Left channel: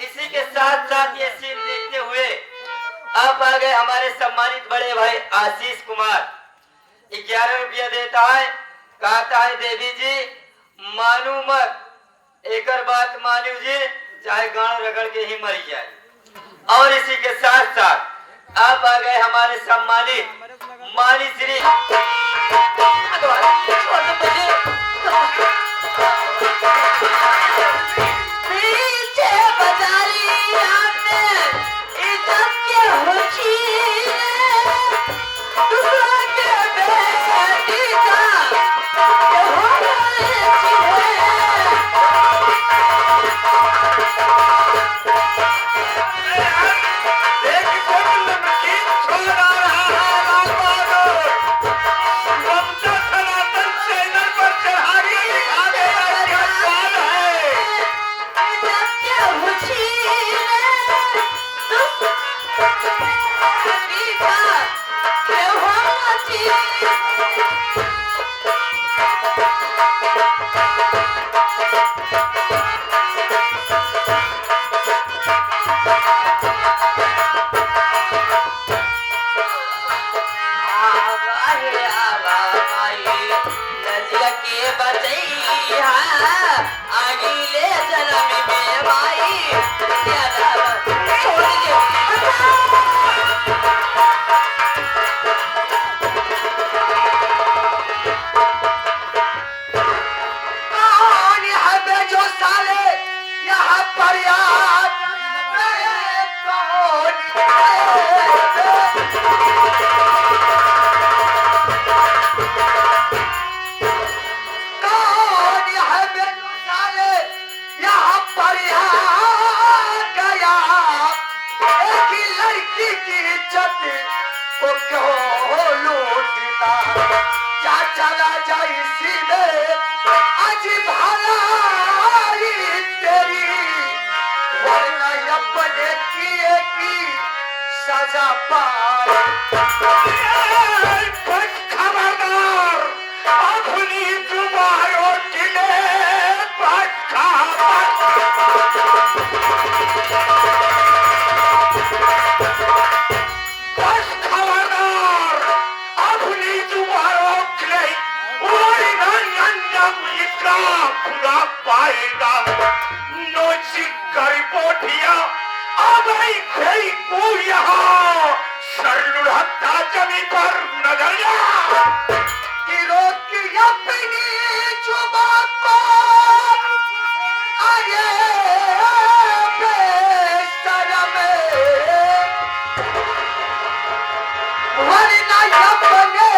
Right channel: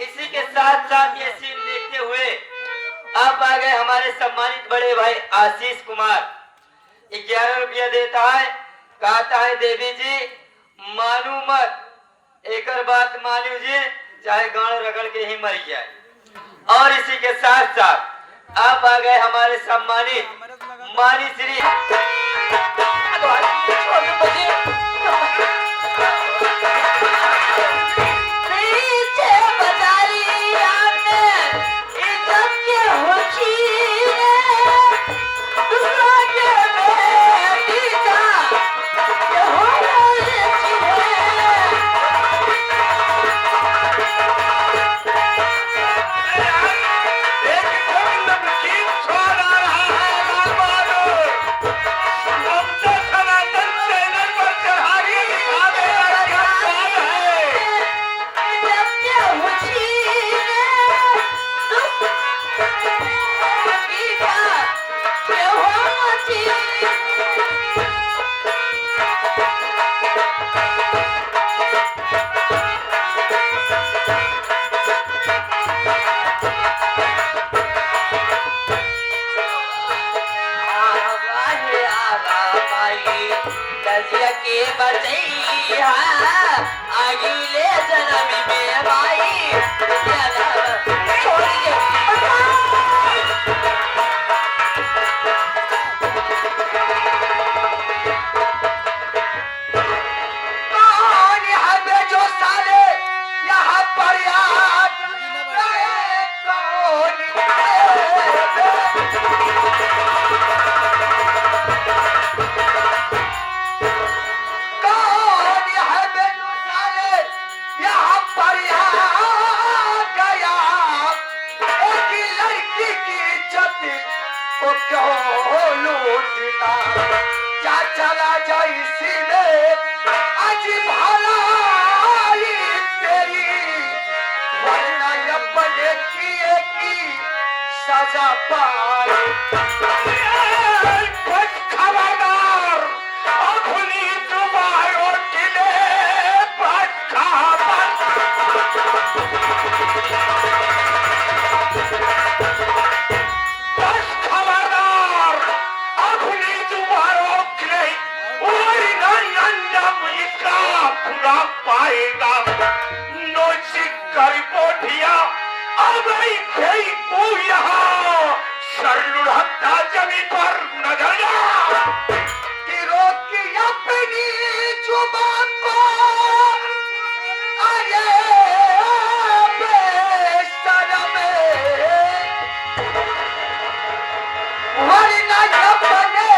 इसी के साथ साथ ये सीन देखते हुए अब आ गए हमारे सम्मानित बड़े भाई आशीष कुमार। 11 रुपया देता है, कहता है देवी जी मानू मत, एक बात मानू जी चाहे गाड़ रगड़ के ही मर जाए। और इसी के साथ साथ अब आ गए हमारे सम्मानित मानी श्री अगले जन्म में भाई छोड़ जो साले यहाँ पर याद चला जाए इसी में आज भलाई तेरी वरना अपने किए की सजा पाए। खबरदार अपनी तुम्हारों किले पूरा पाएगा नोचिक पोठिया अब यहाँ सरलुढ़ता जमी पर नजरिया की अपनी जुबान को आगे बेशरम वरना अपने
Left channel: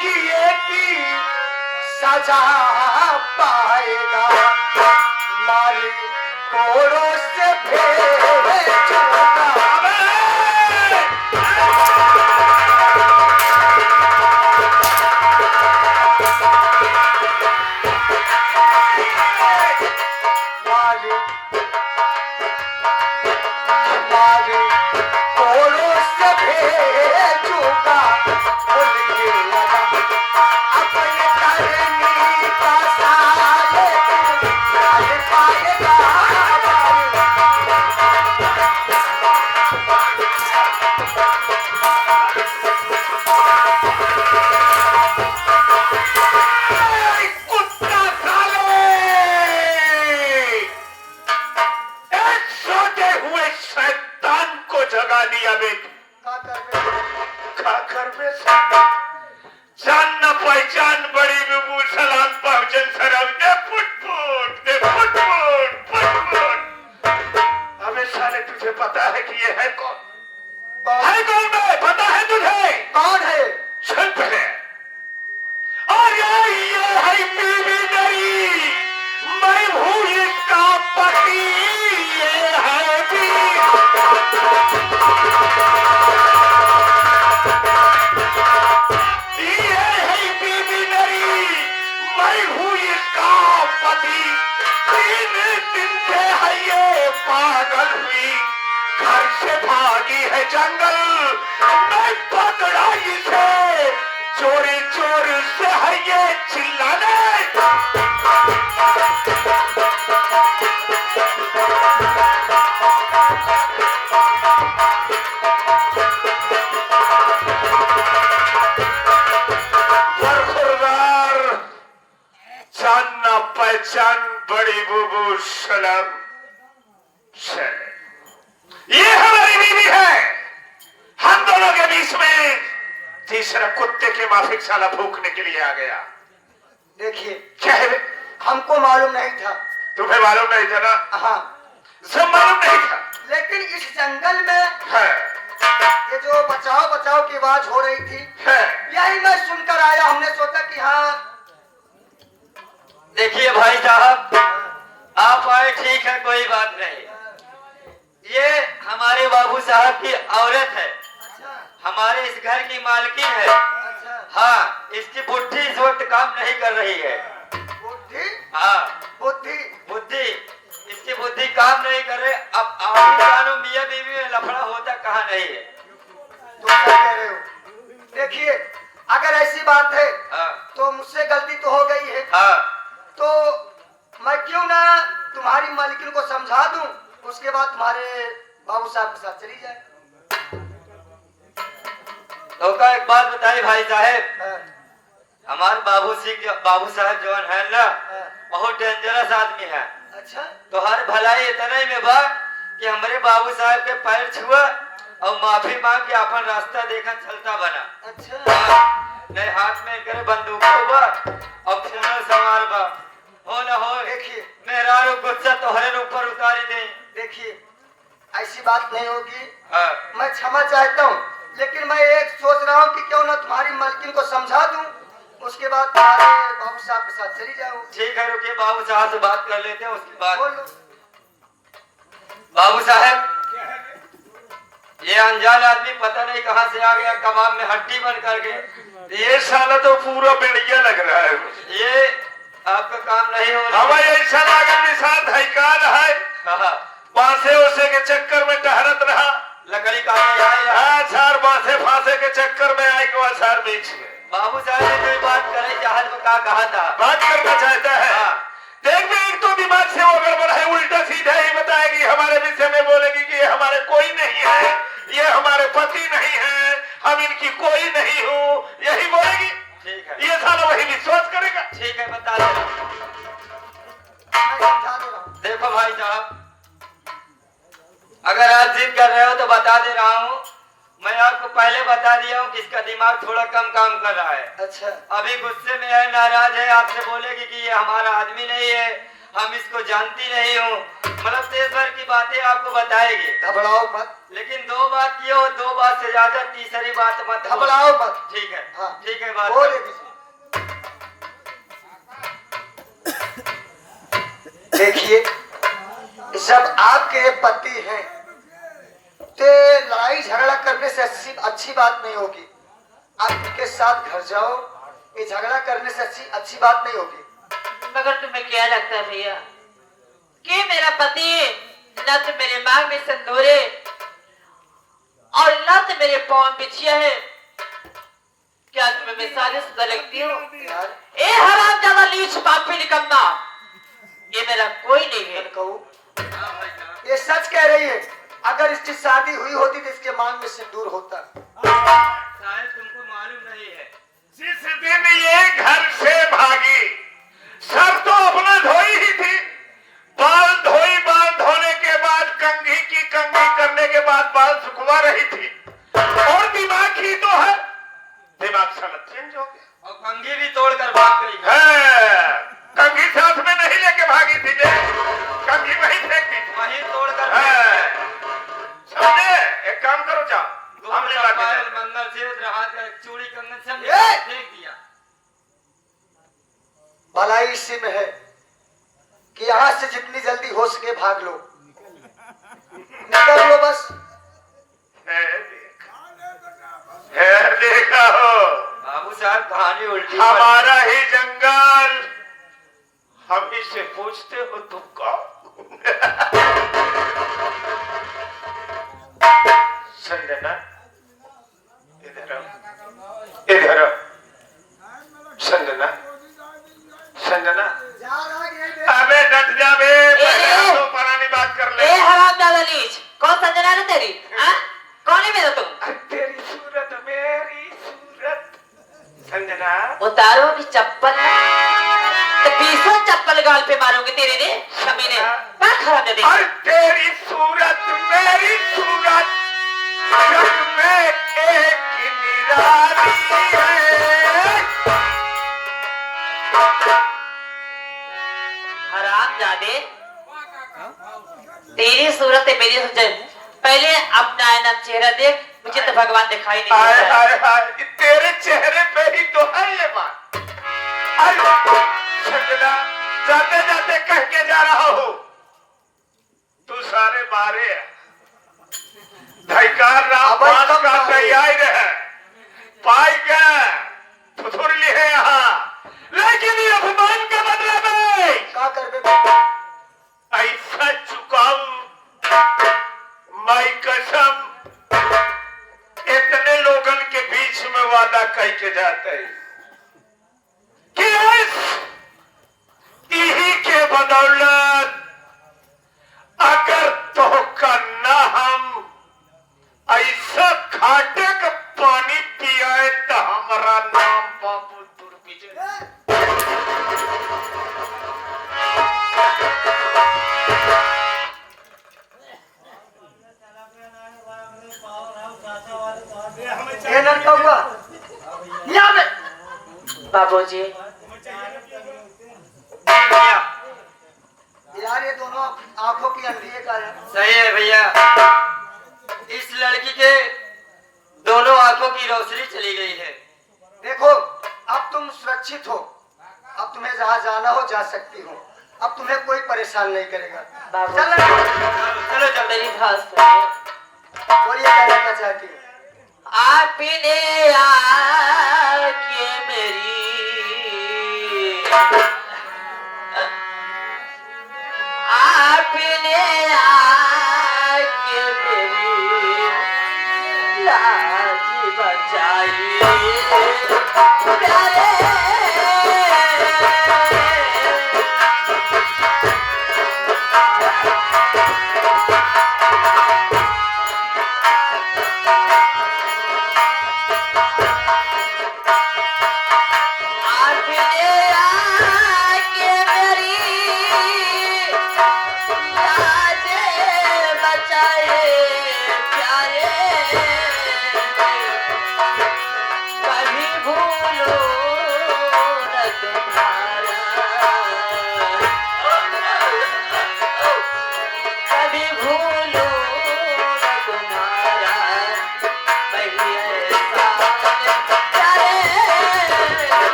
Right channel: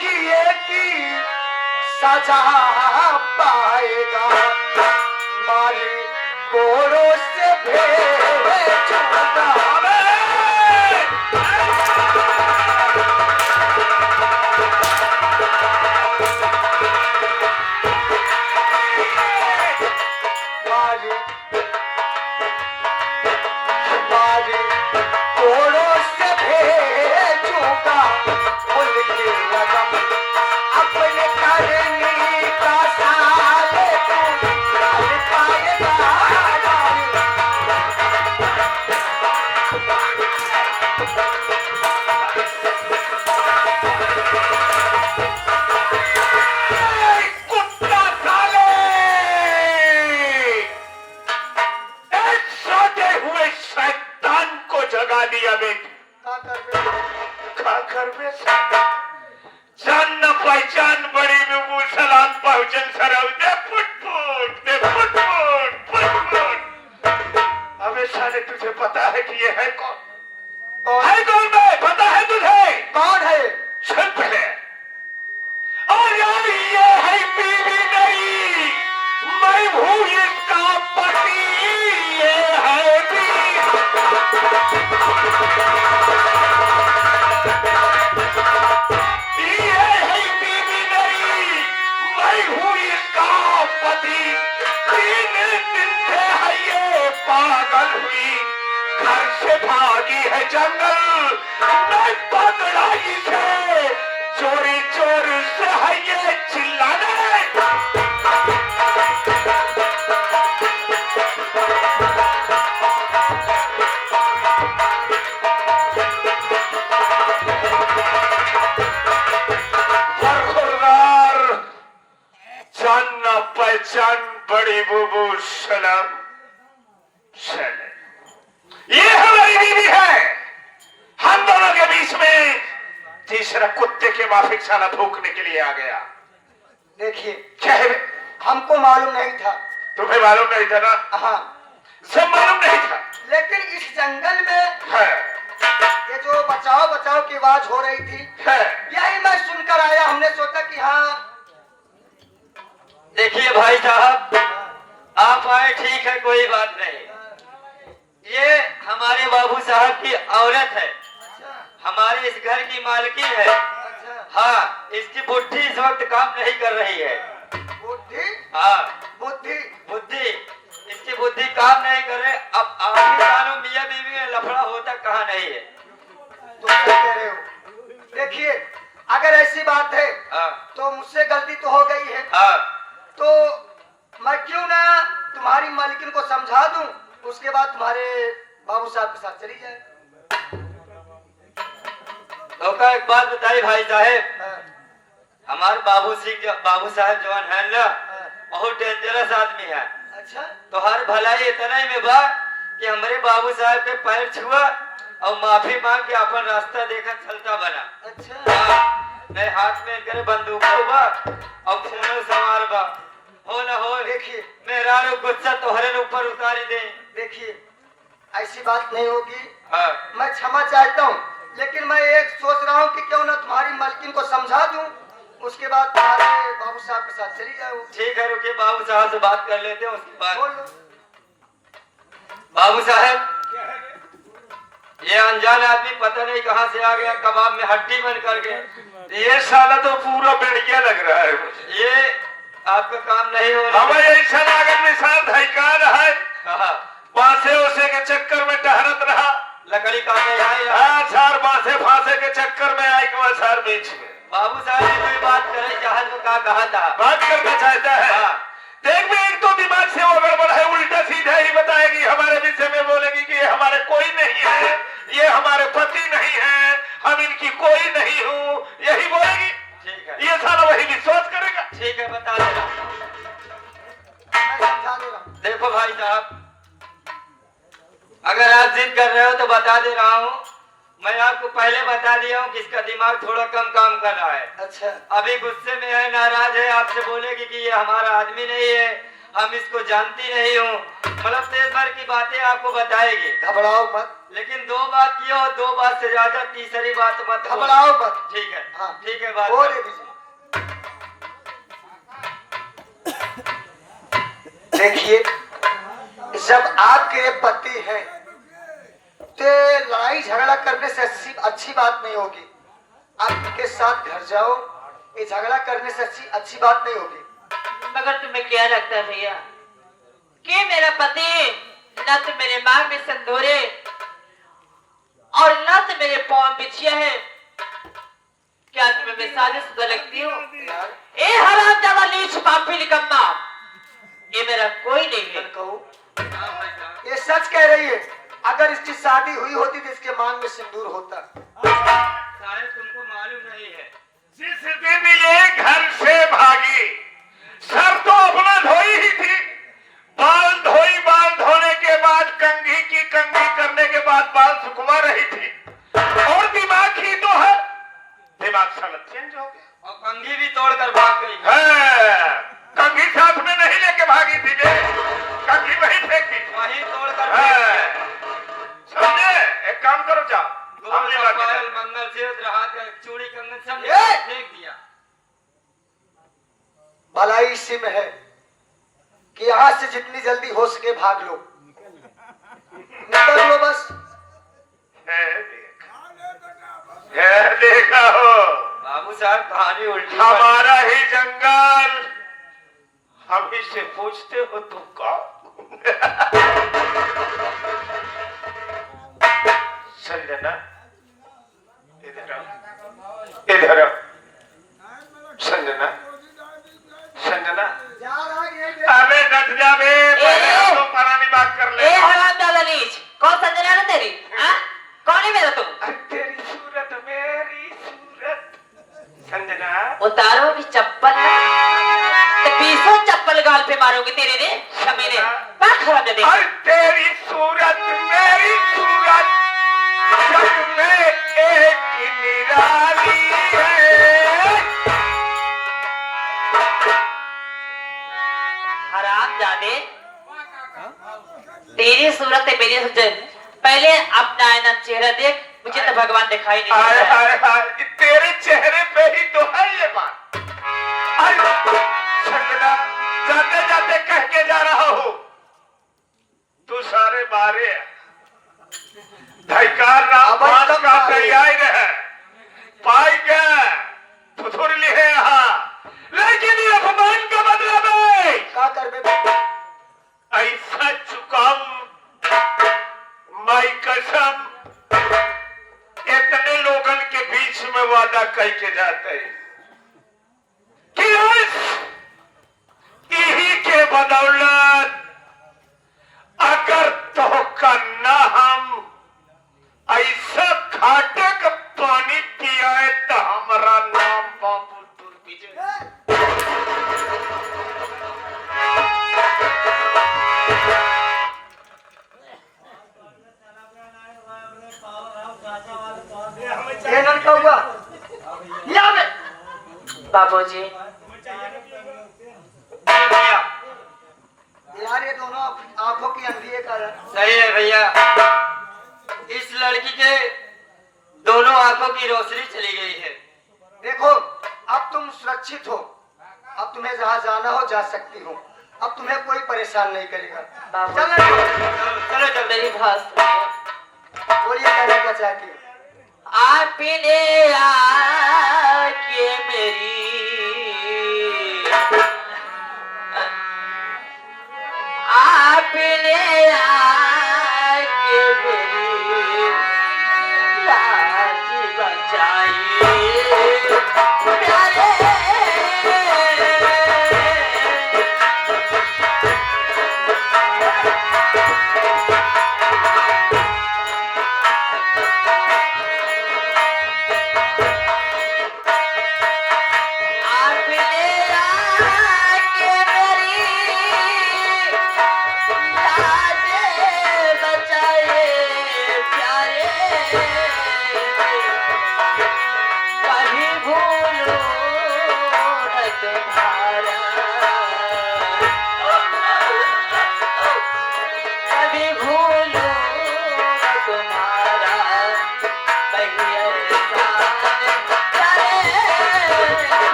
किए की सजा पाएगा। मारी कोरों से भेजूंगा मारी कोरों से भेजूंगा उनके लगन अपने करनी का साले पाएगा। कुत्ता साले एक सोते हुए शैतान को जगा दिया बेटी खा कर जान न पहचान बड़ी बिबू सलाम पहुंचन सरव दे फुट अबे साले तुझे पता है कि ये है कौन है कौन बे पता है तुझे कौन है सुन पहले और ये है बीवी मेरी मैं हूँ इसका पति ये है पति 3 दिन से है ये पागल हुई घर से भागी है जंगल मैं पकड़ा इसे चोरी चोरी से है ये चिल्लाने चांद बड़ी बुबू सलाम। ये हमारी बीवी है। हम दोनों के बीच में तीसरा कुत्ते के माफिक साला भूखने के लिए आ गया। देखिए क्या है? हमको मालूम नहीं था। तुम्हें मालूम नहीं था ना? हाँ, सब मालूम नहीं था। लेकिन इस जंगल में है। ये जो बचाओ बचाओ की आवाज हो रही थी, है। यही मैं सुनकर आया। हमने सोचा कि हाँ। देखिए भाई साहब, आप आए ठीक है, कोई बात नहीं। ये हमारे बाबू साहब की औरत है, हमारे इस घर की मालकिन है। हाँ, इसकी बुद्धि इस वक्त काम नहीं कर रही है। बुद्धि? हाँ, बुद्धि बुद्धि इसकी बुद्धि काम नहीं कर रहे। अब आप ही जानो मियां बीवी में लफड़ा होता कहाँ नहीं है। तुम क्या कह रहे हो? देखिए, अगर ऐसी बात है तो मुझसे गलती तो हो गई है। तो मैं क्यों ना तुम्हारी मालकिन को समझा दूं, उसके बाद तुम्हारे बाबू साहब के साथ चली जाए। तो का एक बात बताइए भाई साहब, हमारे बाबू साहब जो है ना, बहुत डेंजरस आदमी है। अच्छा, तो हर भलाई इतना ही में बा कि हमारे बाबू साहब के पैर छुआ और माफी मांग के अपन रास्ता देखा चलता बना। अच्छा, मैं हाथ में करे बंदूक बा और खून सवार बा। हो न हो, देखिए मेरा गुस्सा तोहरे ऊपर उतारी दे। देखिए, ऐसी बात नहीं होगी। मैं क्षमा चाहता हूँ, लेकिन मैं एक सोच रहा हूँ कि क्यों ना तुम्हारी मालकिन को समझा दूं, उसके बाद तुम्हारे बाबू साहब के साथ चली जाऊं। ठीक है, रुकिए, बाबू साहब से बात कर लेते हैं, उसके बाद बोल लो। बाबू साहब, ये अनजान आदमी पता नहीं कहाँ से आ गया, कबाब में हड्डी बन करके। ये साला तो पूरा बेड़िया लग रहा है। ये आपका काम नहीं हो रहा। हमें ऐसा लागत में साथ हैकार है। बांसे उसे के चक्कर में टहरत रहा। लकड़ी का सार बांसे फांसे के चक्कर में आई को सार बीच में। बाबू साहब ने कोई बात करे, जहाज में कहा था बात करना चाहता है। देख में एक तो दिमाग से वो गड़बड़ है, उल्टा सीधा ही बताएगी, हमारे विषय में बोलेगी कि ये हमारे कोई नहीं है, ये हमारे पति नहीं है, हम इनकी कोई नहीं हूँ, यही बोलेगी। ठीक है, ये साला वही विश्वास करेगा। ठीक है, बता दे रहा। देखो भाई साहब, अगर आप जिद कर रहे हो तो बता दे रहा हूँ। मैं आपको पहले बता दिया हूँ कि इसका दिमाग थोड़ा कम काम कर रहा है। अच्छा, अभी गुस्से में है, नाराज है, आपसे बोलेगी कि ये हमारा आदमी नहीं है, हम इसको जानती नहीं हूँ, मतलब देश भर की बातें आपको बताएगी। घबराओ मत, लेकिन दो बात की हो, दो बात से ज्यादा तीसरी बात मत घबराओ मत। ठीक है, हाँ ठीक है, बात देखिए, जब आपके पति हैं तो लड़ाई झगड़ा करने से अच्छी बात नहीं होगी। आप इनके साथ घर जाओ, ये झगड़ा करने से अच्छी बात नहीं होगी। मगर तुम्हें क्या लगता है भैया कि मेरा पति न तो मेरे मांग में संदूरे और न तो मेरे पाँव बिछिया है? क्या तुम्हें मिसालें सुधा लगती हूँ? ए हरामजादा लीच पापी निकम्मा, ये मेरा कोई नहीं है। ये सच कह रही है। अगर इसकी शादी हुई होती तो इसके मांग में सिंदूर होता। शायद तुमको मालूम नहीं है, जिस दिन ये घर से भागी, सर तो अपना धोई ही थी, बाल धोई, बाल धोने के बाद कंघी की कंघी करने के बाद बाल सुखवा रही थी, और दिमाग ही तो है, दिमाग साला चेंज हो गया और कंघी भी तोड़कर भाग गई है। कंघी साथ में नहीं लेके भागी थी, कंघी वहीं फेंक दी, वहीं तोड़कर। समझे? एक काम करो, जाओ चूड़ी कंगन सब फेंक दिया। भलाई इसी में है कि यहाँ से जितनी जल्दी हो सके भाग लो, निकल लो बस। देखा हो बाबू साहब, कहानी उल्टी। हमारा ही जंगल, हम ही से पूछते हो तुम कौन? संजना, इधर आओ, इधर आओ। संजना, संजना, अबे डट जा बे, पहले तो परानी बात कर ले। ए हरामजादा लीच, कौन संजना है तेरी? कौन है मेरा तुम? तेरी सूरत, मेरी सूरत। संजना, उतारो की चप्पल, तो 20 चप्पल गाल पे मारूंगी तेरे ने कमीने। बात खराब दे। और तेरी सूरत मेरी सूरत जग में एक निराली है। हरामजादे, तेरी सूरत है मेरी सूरत। पहले अपना आईना चेहरा देख, मुझे तो भगवान दिखाई नहीं हाय देता। हाय हाय, तेरे चेहरे पे ही तो है ये बात। संगना, जाते जाते कह के जा रहा हूँ, तू सारे मारे धैकार राम पास का तैयार है, पाई गए थुथुर लिए यहाँ, लेकिन ये अपमान का मतलब है क्या कर बे? ऐसा चुकाऊ माई कसम इतने लोगन के बीच में वादा कह के जाते हैं कि इही के बदौलत अगर तो का न हम ऐसा खाटे का पानी पियाए तो हमारा नाम बाबू दुर्विजय। ये लड़का हुआ यहाँ पे। बाबूजी, यार ये दोनों आंखों की अंधी है क्या? सही है भैया, इस लड़की के दोनों आंखों की रोशनी चली गई है। देखो अब तुम सुरक्षित हो, अब तुम्हें जहाँ जाना हो जा सकती हो, अब तुम्हें कोई परेशान नहीं करेगा। बाबू। चलो चलो चल मेरी बात सुनिए। बोलिए कहना क्या चाहती हो? आपने आके मेरी आपने आके मेरी लाज बचाई प्यारे।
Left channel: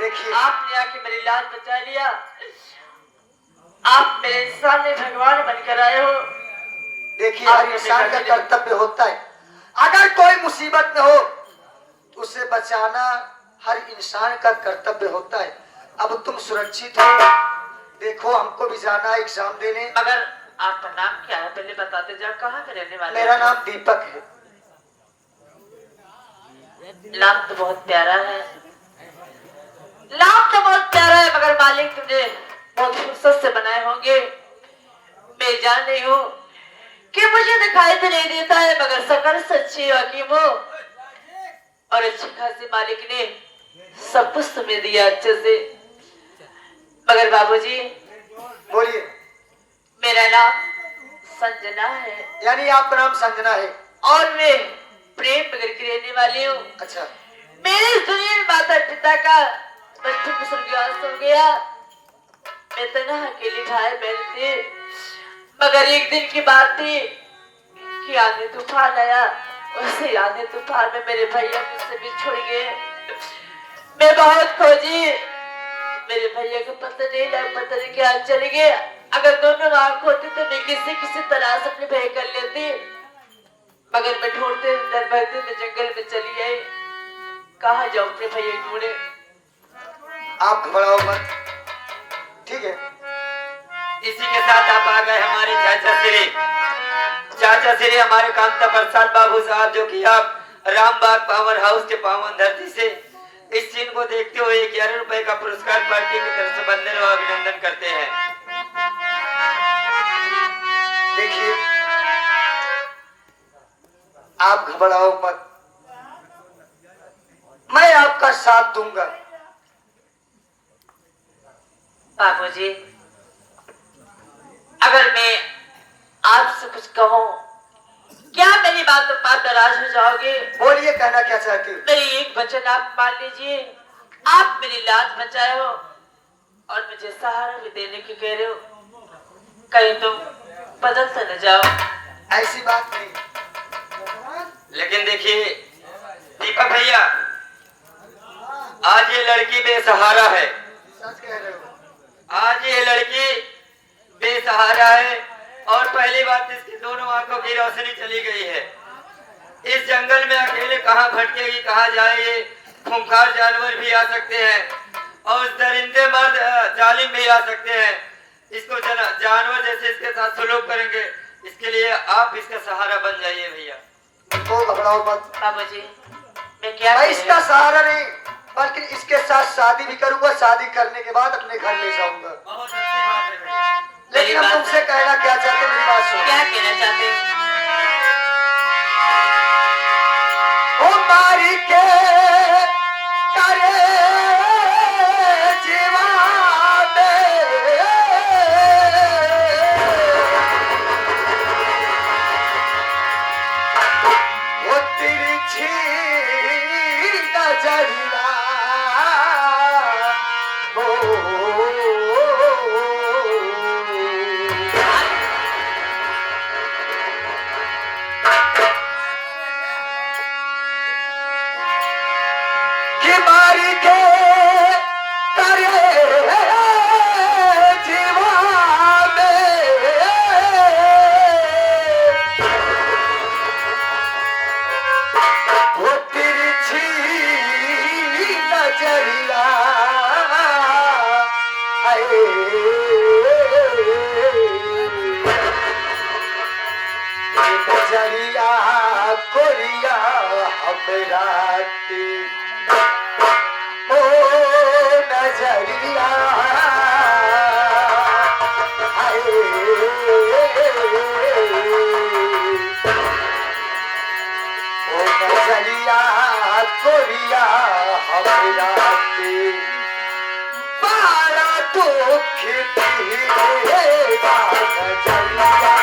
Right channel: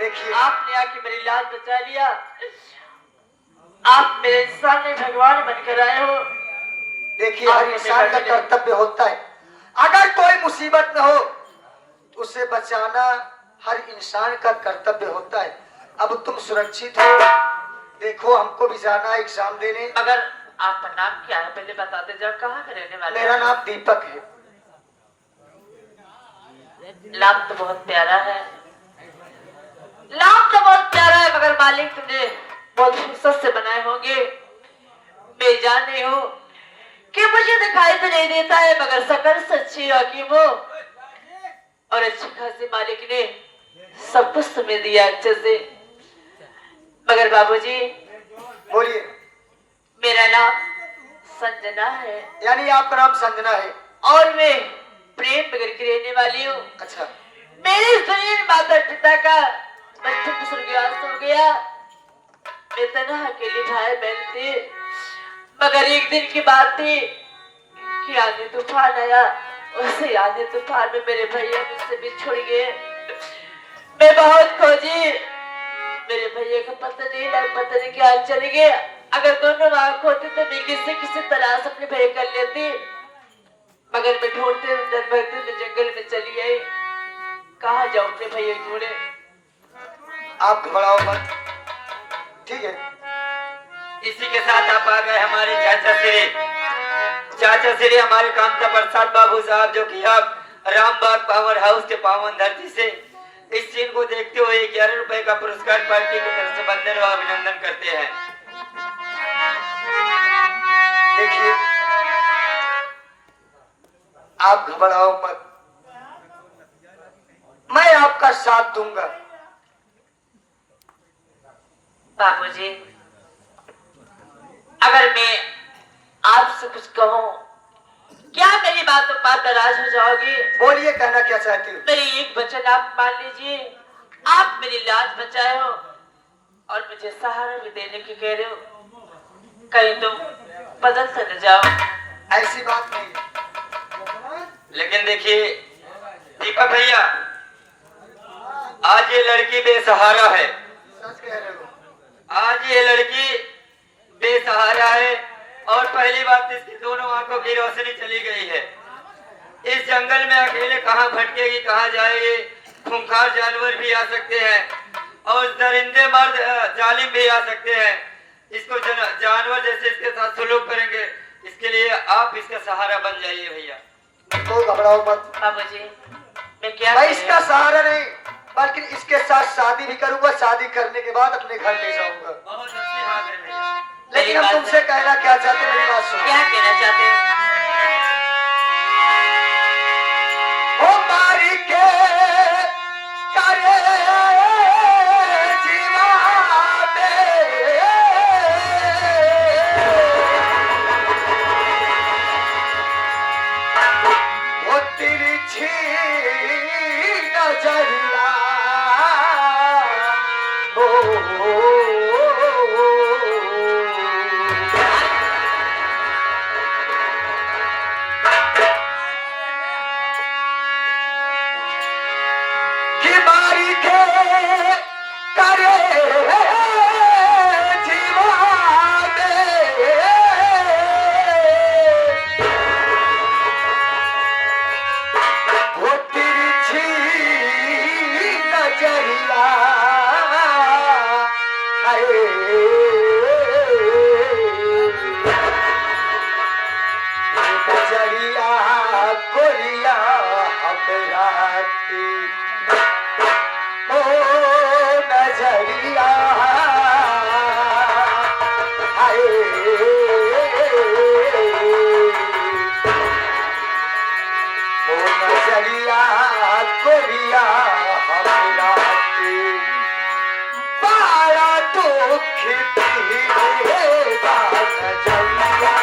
देखिए आपने आके मेरी लाज बचा लिया। आप मेरे इंसान में भगवान बनकर आए हो। देखिए हर इंसान का कर्तव्य होता है, अगर कोई मुसीबत में हो उसे बचाना हर इंसान का कर्तव्य होता है। अब तुम सुरक्षित हो, देखो हमको भी जाना है एग्जाम देने। मगर आपका नाम क्या है पहले बताते जाओ, कहाँ के रहने वाले? मेरा नाम दीपक है। नाम तो बहुत प्यारा है, नाम तो बहुत प्यारा है, मगर मालिक तुमने बहुत फुर्सत से बनाए होंगे। मैं जान रही हूँ कि मुझे दिखाई तो नहीं देता है, मगर सकल सच्ची हकीम हो और अच्छी खासी मालिक ने सब कुछ तुम्हें दिया अच्छे से। मगर बाबूजी, बोलिए। मेरा नाम संजना है यानी आपका नाम संजना है? और मैं प्रेम नगर की रहने वाली हूँ। अच्छा, मेरे सुनील माता पिता का बचपन स्वर्गवास हो गया। मैं तन्हा अकेली भाई बहन थी, मगर एक दिन की बात थी कि आंधी तूफान आया। उसे आंधी तूफान में मेरे भैया मुझसे बिछुड़ गए। मैं बहुत खोजी, मेरे भैया को पता नहीं क्या चले गए। अगर दोनों आंख होती तो मैं किसी तलाश अपने भाई कर लेती, मगर मैं ढूंढते मैं जंगल में चली गई। कहाँ जाऊं अपने भैया ढूंढे? आप घबराओ मत, ठीक है? इसी के साथ आप आ गए हमारे चाचा श्री हमारे कांता प्रसाद बाबू साहब, जो कि आप रामबाग पावर हाउस के पावन धरती से इस सीन को देखते हुए 11 रुपए का पुरस्कार पार्टी की तरफ से बंधन व अभिनंदन करते हैं। घबराओ मत, मैं आपका साथ दूंगा। बाबूजी, अगर मैं आपसे कुछ कहूँ, क्या मेरी बातों पर नाराज हो जाओगे? बोलिए, कहना क्या चाहती हो? मेरी एक वचन आप मान लीजिए। आप मेरी लाज बचाए हो और मुझे सहारा भी देने की कह रहे हो, कहीं तुम बदल से न जाओ। ऐसी बात नहीं। लेकिन देखिए दीपक भैया, आज ये लड़की बेसहारा है। सच कह रहे हो। आज ये लड़की बेसहारा है और पहली बात, इसकी दोनों आंखों की रोशनी चली गई है। इस जंगल में अकेले कहाँ भटकेगी, कहाँ जाएगी? खूंखार जानवर भी आ सकते हैं और दरिंदे मर्द जालिम भी आ सकते हैं। इसको जानवर जैसे इसके साथ सलूक करेंगे। इसके लिए आप इसका सहारा बन जाइए भैया। तो घबराओ मत, बाबूजी, मैं क्या मैं कह इसका रही हूँ? सहारा नहीं, बल्कि इसके साथ शादी भी करूंगा। शादी करने के बाद अपने घर ले जाऊंगा। बहुत अच्छी बात है भैया। लेकिन हम तुमसे कहना क्या चाहते, मेरी बात सुनो। क्या कहना चाहते हो? ओ मारी के तारे जीवा में, वो तिरछी नजरिया, कि मारी के तारे जीवा में, वो तिरछी नजरिया, हाय नजरिया कोरिया हमरा की, ओ नजरिया, हाय ओ नजरिया कोरिया हमरा की, बड़ा दुख दिएगा नजरिया।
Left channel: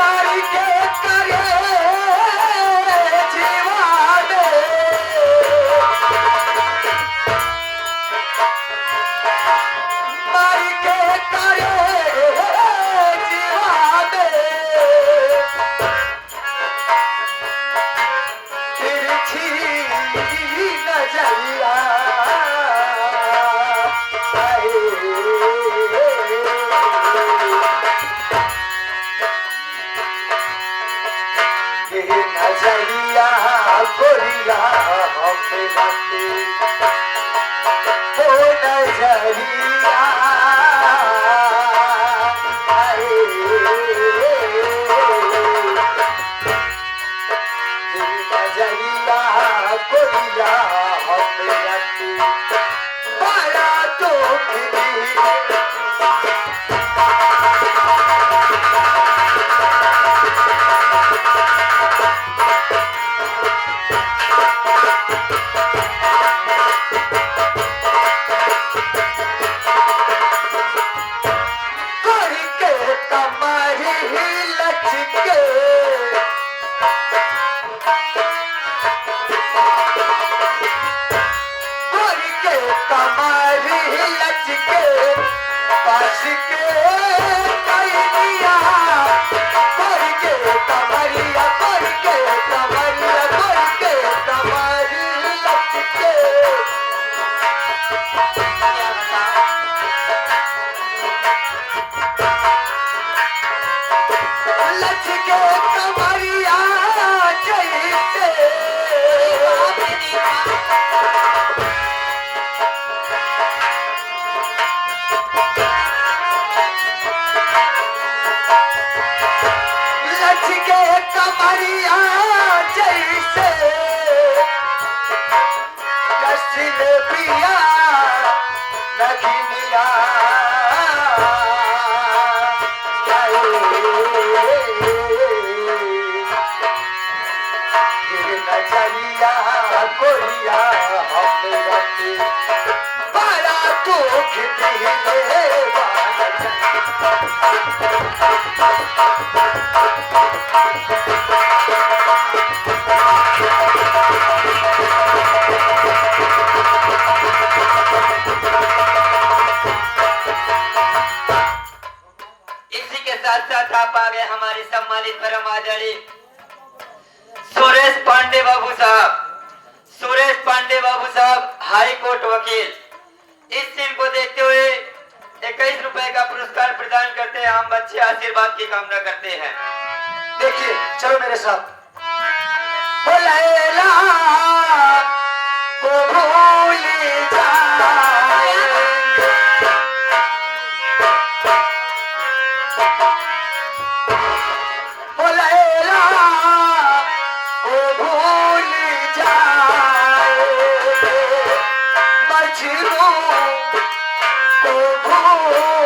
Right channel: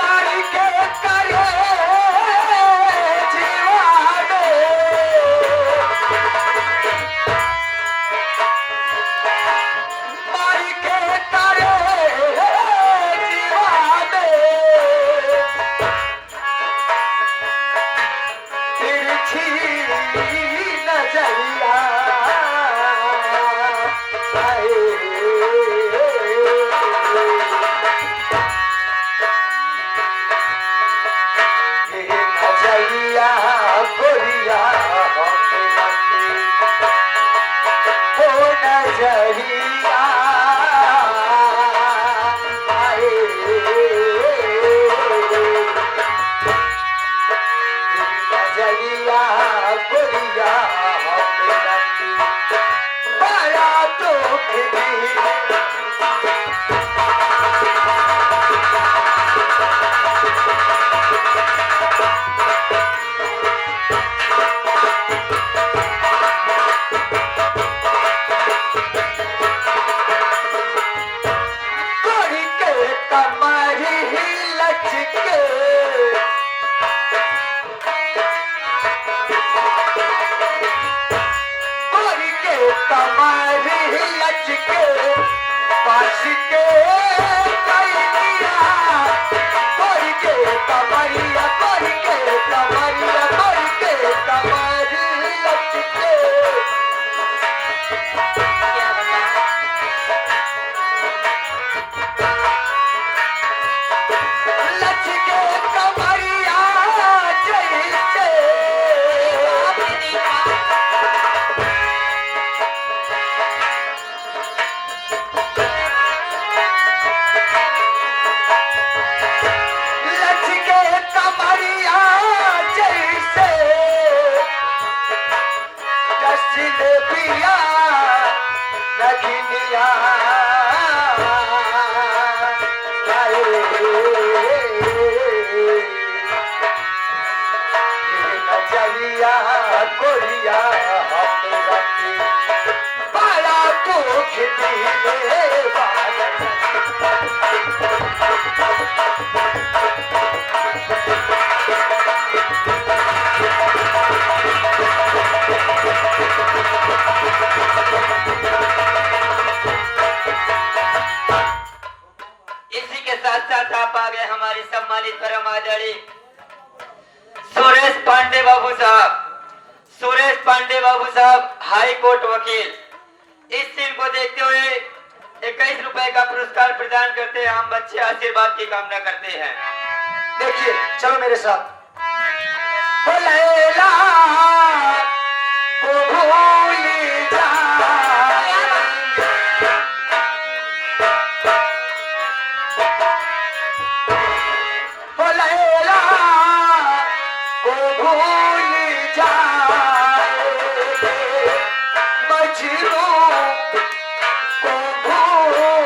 मारी के तारे जीवा में, मारी के तारे जीवा में, तिरछी नजरिया, नजरिया गोरिया हमरा की, ओ नजरिया, हाय नजरिया गोरिया हमरा की, बड़ा दुख दिए। कोरी के कमरी लचके, कोरी के कमरी लचके, पास के कैनिया, कोरी के कमरिया, कोरी के कमरिया, कोरी के कमरी लचके, क्या बताऊं? लचके कमरिया जैसे, आपने देखा? पिया नदिया नजरिया कोरिया हमें रखी बड़ा दुख दिले इसी के साथ साथ आप आ गए हमारे सम्मानित परम आदरणीय सुरेश पांडे बाबू साहब। सुरेश पांडे बाबू साहब हाई कोर्ट वकील। इस सीन को देखते हुए 21 रुपए का पुरस्कार प्रदान करते हैं। हम बच्चे आशीर्वाद की कामना करते हैं। देखिए चलो मेरे साथ। ओ लैला को भूल जाए ओ लैला को भूल जाए मजनू को भूल